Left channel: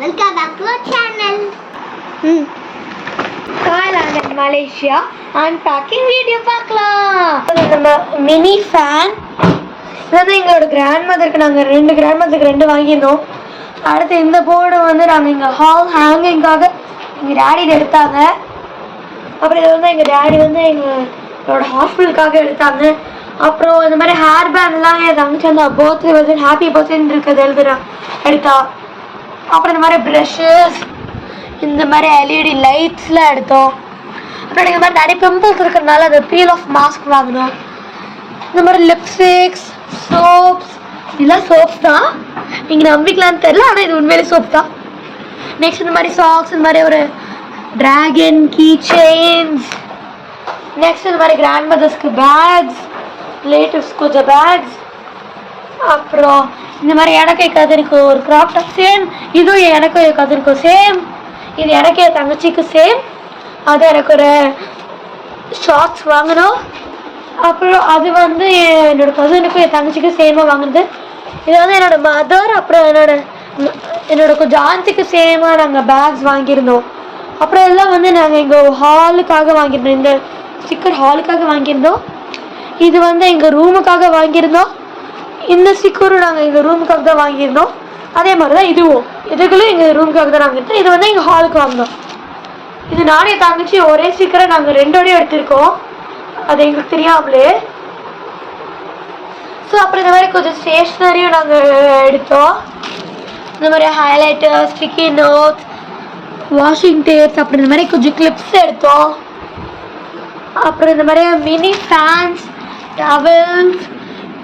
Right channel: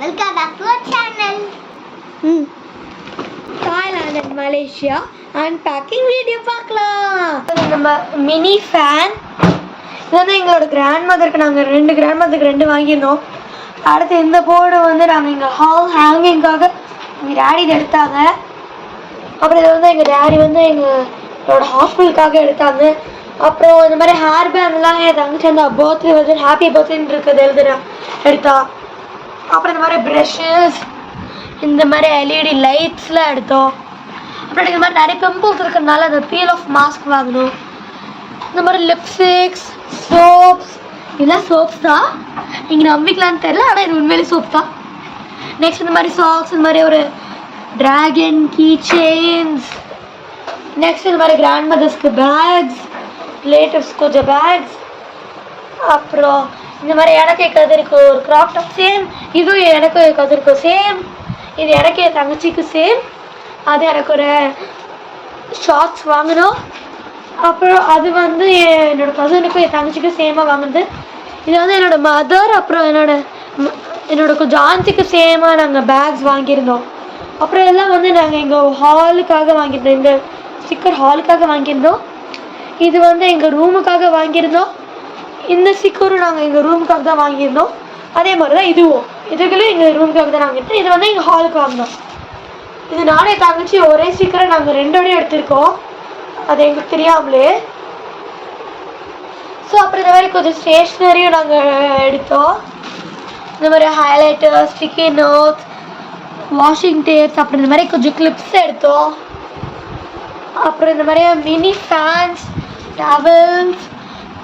Welcome back to our channel. Hi, I'm in Malaysia. Unpacking video பார்க்கலாம். நம்ம mini fan இதான் எங்களோட grand மதருக்கு நாங்கள் கிராண்ட் மதருக்கு 2 வாங்கியிருந்தோம். அடுத்து இந்த போர்டு வந்து நாங்கள் இங்கே ஹால் ஹேங்கிங்காக எங்கள் டேடி இதை எடுத்தாங்க. அப்புறம் இதை வந்து எங்கள் டேடி வந்து எங்களோட ஹாஸ்பிட்டலுக்காக எடுத்தாங்க. அப்புறம் இந்த மாதிரி ஹேர் பேண்ட்லாம் என் தங்கச்சி அந்த பர்த்டே வந்து ஹாப்பி பர்த்டேன்னு இருக்கிறது எடுத்தா. அப்புறம் இந்த மாதிரி ப்ரஷஸ், இந்த மாதிரி எல்இடி லைட்ஸ்லாம் எடுத்தோம். அப்புறம் இந்த மாதிரி நிறைய பிம்பிள்ஸ் இருக்கிறதுனால அந்த பீல் ஆஃப் மாஸ்க் வாங்கினோம். இந்த மாதிரி லிப்ஸ்டிக்ஸ், சோப்ஸ், இதெல்லாம் சோப்ஸ் தான். நீங்கள் நம்பிக்கலான்னு தெரியல, ஆனால் இது உண்மையிலே சோப் தான். நெக்ஸ்ட் இந்த மாதிரி சாக்ஸ், இந்த மாதிரி ஒரு ட்ராகன் கீ செயின்ஸ். நெக்ஸ்ட் இந்த மாதிரி கிராண்ட் மதர்ஸ்க்கு பேக்ஸ், ரிலேட்டிவ்ஸ் கொஞ்சம் பேக்ஸ். அப்புறம் இந்த மாதிரி எனக்கு என் கதிருக்கு ஒரு கிராப் டாப் சேம், இதுவும் எனக்கும் என் கதிருக்கும் சேம், இது எனக்கு என் தங்கச்சிக்கு சேம். அது எனக்கு ஒரு ஷார்ட்ஸ் வாங்கினோம். அப்புறம் அது வந்து என்னோட கசினுக்கும் என் தங்கச்சிக்கும் சேமாக வாங்கினது. இது வந்து என்னோட மதர், அப்புறம் என்னோட கொஞ்சம் ஆன்ட்டிக்கு சேமாக நாங்கள் பேக்ஸ் வாங்கியிருந்தோம். அப்புறம் எல்லாம் வந்து நாங்கள் எங்கள் ஹாலுக்காக வாங்கியிருந்தோம். இந்த ஸ்டிக்கர் ஹாலுக்காக வாங்கியிருந்தோம். இது வந்து எங்கள் ரூமுக்காக வாங்கியிருந்தோம். இந்த ஸ்டிக்கரும் நாங்கள் எங்கள் ரூமுக்காக தான் வாங்கியிருந்தோம். அதே மாதிரி தான் இதுக்குள்ளே எங்கள் ரூமுக்காக தான் வாங்கியிருந்தோம். இது வந்து எங்கள் ஹாலுக்கு வாங்கினோம். இது நானே தங்கச்சி ஒரே ஸ்டிக்கரை நாங்கள் 2 எடுத்திருக்கோம், அது எங்களுக்கு தெரியாமலே. ஸோ அப்புறம் இந்த மாதிரி கொஞ்சம் ஸ்டேஷ்னரியும் நாங்கள் எடுத்தோம். இந்த மாதிரி highlighter, sticky notes, washing tapes, அப்புறம் இந்த மாதிரி கொஞ்சம் கிளிப்ஸ் எடுத்தோம். அப்புறம் இந்த மாதிரி மினி ஃபேன்ஸ், டவல்ஸ்,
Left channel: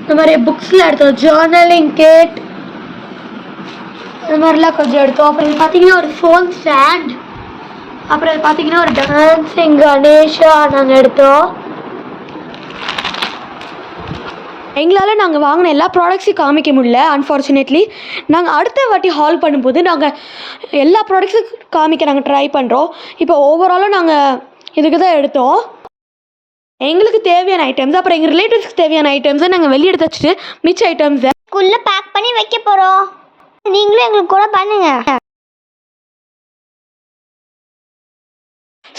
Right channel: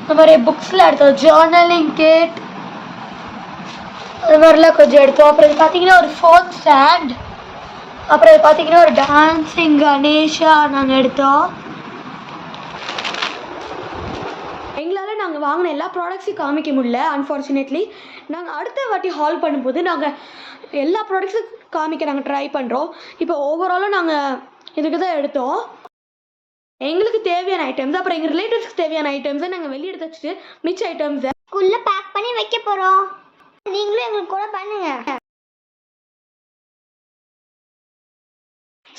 இந்த மாதிரி புக்ஸில் எடுத்தோம். ஜேர்னலிங் கிட், இது மாதிரிலாம் கொஞ்சம் எடுத்தோம். அப்புறம் இது பார்த்தீங்கன்னா ஒரு ஃபோன் ஸ்டாண்ட். அப்புறம் இது பார்த்தீங்கன்னா ஒரு டான்ஸிங் கணேஷா நாங்கள் எடுத்தோம். எங்களால் நாங்கள் வாங்கின எல்லா ப்ராடக்ட்ஸையும் காமிக்க முடியல, அன்ஃபார்ச்சுனேட்லி. நாங்கள் அடுத்த வாட்டி ஹால் பண்ணும்போது நாங்கள் எல்லா ப்ராடக்ட்ஸும் காமிக்க நாங்கள் ட்ரை பண்ணுறோம். இப்போ ஓவராலாக நாங்கள் இதுக்கு தான் எடுத்தோம். எங்களுக்கு தேவையான ஐட்டம்ஸ், அப்புறம் எங்கள் ரிலேட்டிவ்ஸ்க்கு தேவையான ஐட்டம்ஸை நாங்கள் வெளியே எடுத்து வச்சுட்டு மிச்ச ஐட்டம்ஸை ஸ்கூல்ல பேக் பண்ணி வைக்க போகிறோம். நீங்களும் எங்களுக்கு கூட பண்ணுங்க.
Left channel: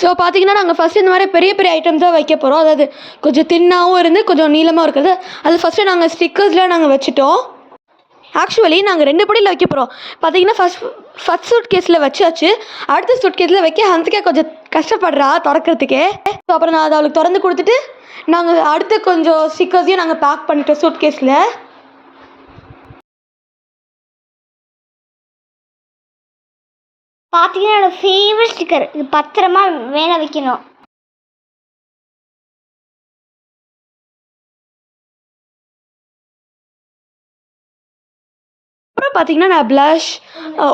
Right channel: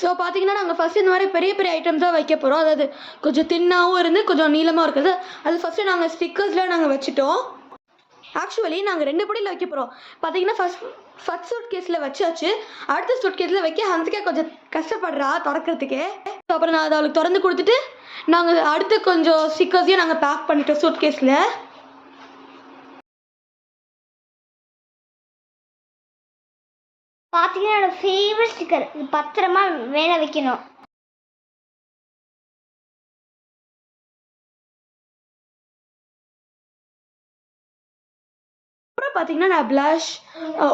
ஸோ பார்த்தீங்கன்னா நாங்கள் ஃபஸ்ட்டு இந்த மாதிரி பெரிய பெரிய ஐட்டம்ஸ் தான் வைக்க போகிறோம். அதாவது கொஞ்சம் தின்னாகவும் இருந்து கொஞ்சம் நீளமாக இருக்குது. அது ஃபஸ்ட்டு நாங்கள் ஸ்டிக்கர்ஸ்லாம் நாங்கள் வச்சுட்டோம். ஆக்சுவலி நாங்கள் 2 படியில் வைக்க போகிறோம். பார்த்தீங்கன்னா ஃபஸ்ட் சூட் கேஸில் வச்சாச்சு. அடுத்த சூட் கேஸில் வைக்க ஹன்சிகா கொஞ்சம் கஷ்டப்படுறா திறக்கிறதுக்கே. ஸோ அப்புறம் நான் அதை அவளுக்கு திறந்து கொடுத்துட்டு நாங்கள் அடுத்து கொஞ்சம் ஸ்டிக்கர்ஸையும் நாங்கள் பேக் பண்ணிட்டோம் சூட் கேஸில். பார்த்தீங்கன்னா என்னோட ஃபேவரட் ஸ்டிக்கர், இது பத்திரமா மேலே வைக்கணும். அப்புறம் பார்த்தீங்கன்னா நான் blush,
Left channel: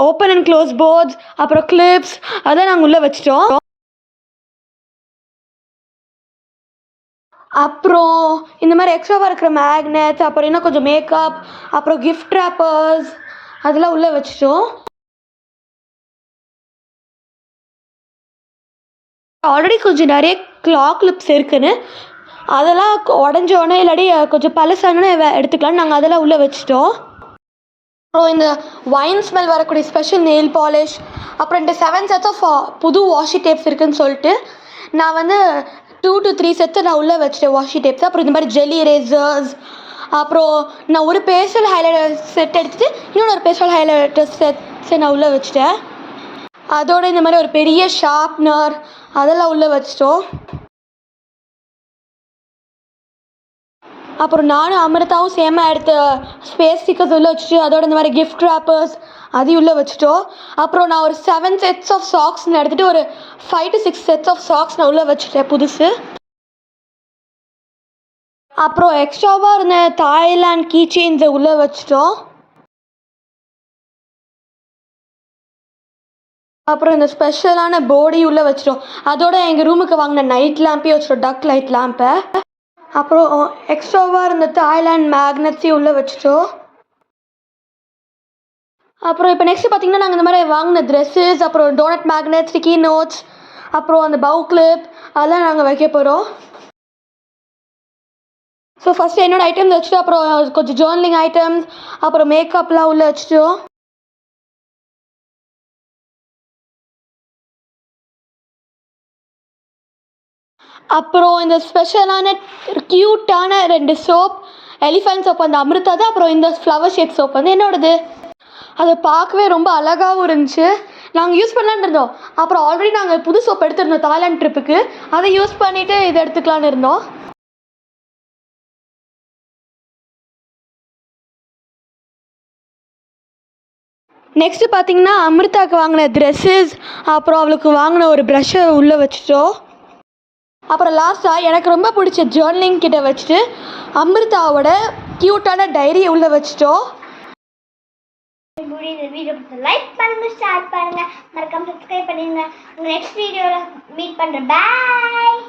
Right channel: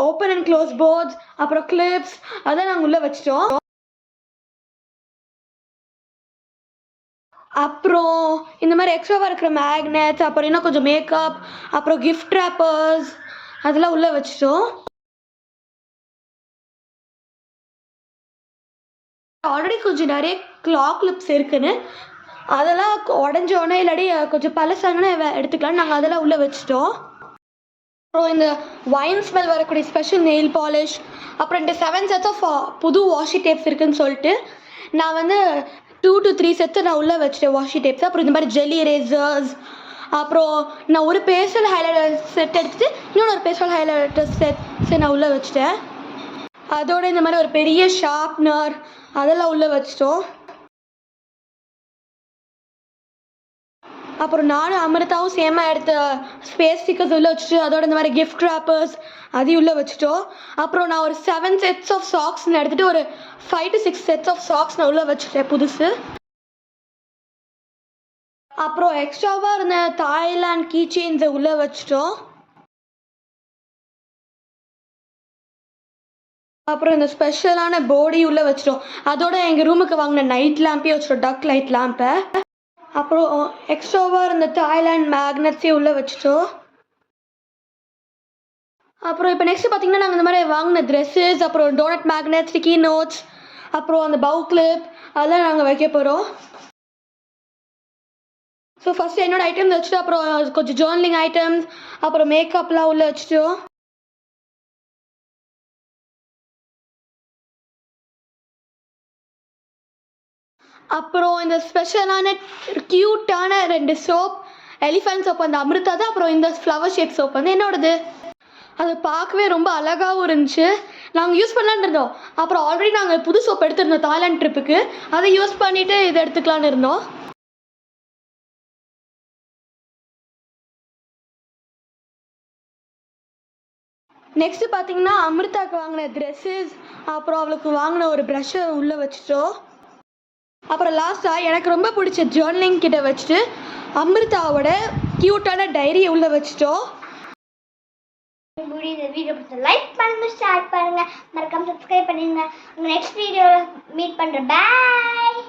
open and close boards, அப்புறம் கிளிப்ஸ் அதெல்லாம் நாங்கள் உள்ளே வச்சிட்டோம். அப்புறம் இந்த மாதிரி எக்ஸ்ட்ராவாக இருக்கிற மேக்னெட்ஸ், அப்புறம் இன்னும் கொஞ்சம் மேக்கப், அப்புறம் கிஃப்ட் ரேப்பர்ஸ் அதெல்லாம் உள்ளே வச்சிட்டோம். ஆல்ரெடி கொஞ்சம் நிறைய கிளாக் கிளிப்ஸ் இருக்குன்னு அதெல்லாம் உடஞ்சோடனே இல்லாடி கொஞ்சம் பழசானே எடுத்துக்கலாம்னு நாங்கள் அதெல்லாம் உள்ளே வச்சிட்டோம். அப்புறம் இந்த வைன் ஸ்மெல் வரக்கூடிய ஸ்பெஷல் நெயில் பாலிஷ், அப்புறம் இந்த 7 செட்ஸ் ஆஃப் புது வாஷி டேப்ஸ் இருக்குதுன்னு சொல்லிட்டு நான் வந்து 2 to 3 செட்ஸை நான் உள்ளே வச்சுட்டேன் வாஷி டேப்ஸ். அப்புறம் இந்த மாதிரி ஜெல்லி ரேசர்ஸ், அப்புறம் நான் ஒரு பேஸ்டல் ஹைலைட்டர் செட் எடுத்துகிட்டு இன்னொன்று பேஸ்டல் ஹைலைட்டர் செட்ஸை நான் உள்ளே வச்சுட்டேன். அதோட இந்த மாதிரி ஒரு பெரிய ஷார்ப்னர் அதெல்லாம் உள்ளே வச்சிட்டோம். அப்புறம் நானும் அமிர்தாவும் சேமாக எடுத்த ஸ்பேஸ் ஸ்டிக்கர்ஸ் உள்ளே வச்சுட்டு அதோட இந்த மாதிரி கிஃப்ட் ரேப்பர்ஸ் அதையும் உள்ளே வச்சுட்டோம். அப்புறம் நான் ஒரு 7 செட்ஸ் ஆஃப் சாக்ஸ்ன்னு எடுத்துகிட்டு ஒரு 5 to 6 செட்ஸ் ஆஃப் சாக்ஸ் நான் உள்ளே வச்சுட்டேன் புதுசு. அப்புறம் எக்ஸ்ட்ராவாக இருந்த தாய்லாண்ட் கீ செயின்ஸை உள்ளே வச்சிட்டோம். அப்புறம் இந்த ஸ்பெஷலான போர்டி உள்ளே வச்சிட்டோம். அதோட எங்கள் ரூமுக்கு வாங்கின நைட் லேம்பையும் வச்சிட்டோம், டக் லைட் லேம்பை. அப்புறம் எக்ஸ்ட்ராவாக இருந்த தாய்லாண்ட் மேக்னெட்ஸையும் உள்ளே வச்சிட்டோம். அப்புறம் இப்போ நெக்ஸ்ட் பார்த்தீங்கன்னா நாங்கள் இந்த மாதிரி வாங்கின ட்ரெஸ்ஸஸ், அப்புறம் டோனட் மேக்னெட், ஸ்டிக்கி நோட்ஸ், அப்புறம் அந்த பவு கிளிப் அதெல்லாம் நாங்கள் வைக்க போகிறோம். ஸோ ஃபஸ்ட்டு என்னோடய ஐட்டம்ஸ் வச்சுட்டு அப்புறம் கொஞ்சம் ஜேர்னலிங் ஐட்டம்ஸ், அப்புறம் மேக்கப்லாம் உள்ளே வச்சுட்டோம். அப்புறம் இந்த ஸ்பெஷலான க்யூட்டான 2 சோப், எலிஃபண்ட் சோப் அந்த அமிர்தா தான். அப்புறம் இந்த ஃப்ளவர் ஷேப் சோப் வந்து என்னோடது. அது பார்க்கவே ரொம்ப அழகாகவும் இருந்துச்சு. நாங்கள் யூஸ் பண்ணலான்னு இருந்தோம். அப்புறம் ஆல்ரெடி நாங்கள் புது சோப் எடுத்திருந்தோம் தாய்லாந்து ட்ரிப்புக்கு. அதை யூஸ் பண்ணிவிட்டு இதை எடுத்துக்கலான்னு இருந்தோம். நெக்ஸ்ட்டு பார்த்தீங்கன்னா அமிர்தாவுக்கு வாங்கின ட்ரெஸ்ஸஸ், அப்புறம் அவளுக்கு வாங்கின ஒரு ப்ரஷ்ஷை உள்ளே வச்சுட்டோம். அப்புறம் லாஸ்ட்டாக எனக்கு ரொம்ப பிடிச்ச ஜேர்னலிங் கிட்ட வச்சுட்டு அமிர்தாவோட க்யூட்டான டைரியை உள்ளே வச்சுட்டோம். இந்த வீடியோ லைக் பண்ணுங்க, ஷேர் பண்ணுங்க, மறக்காம சப்ஸ்கிரைப் பண்ணுங்க. நெக்ஸ்ட் வீடியோவில் மீட் பண்ணுறேன். பாய்.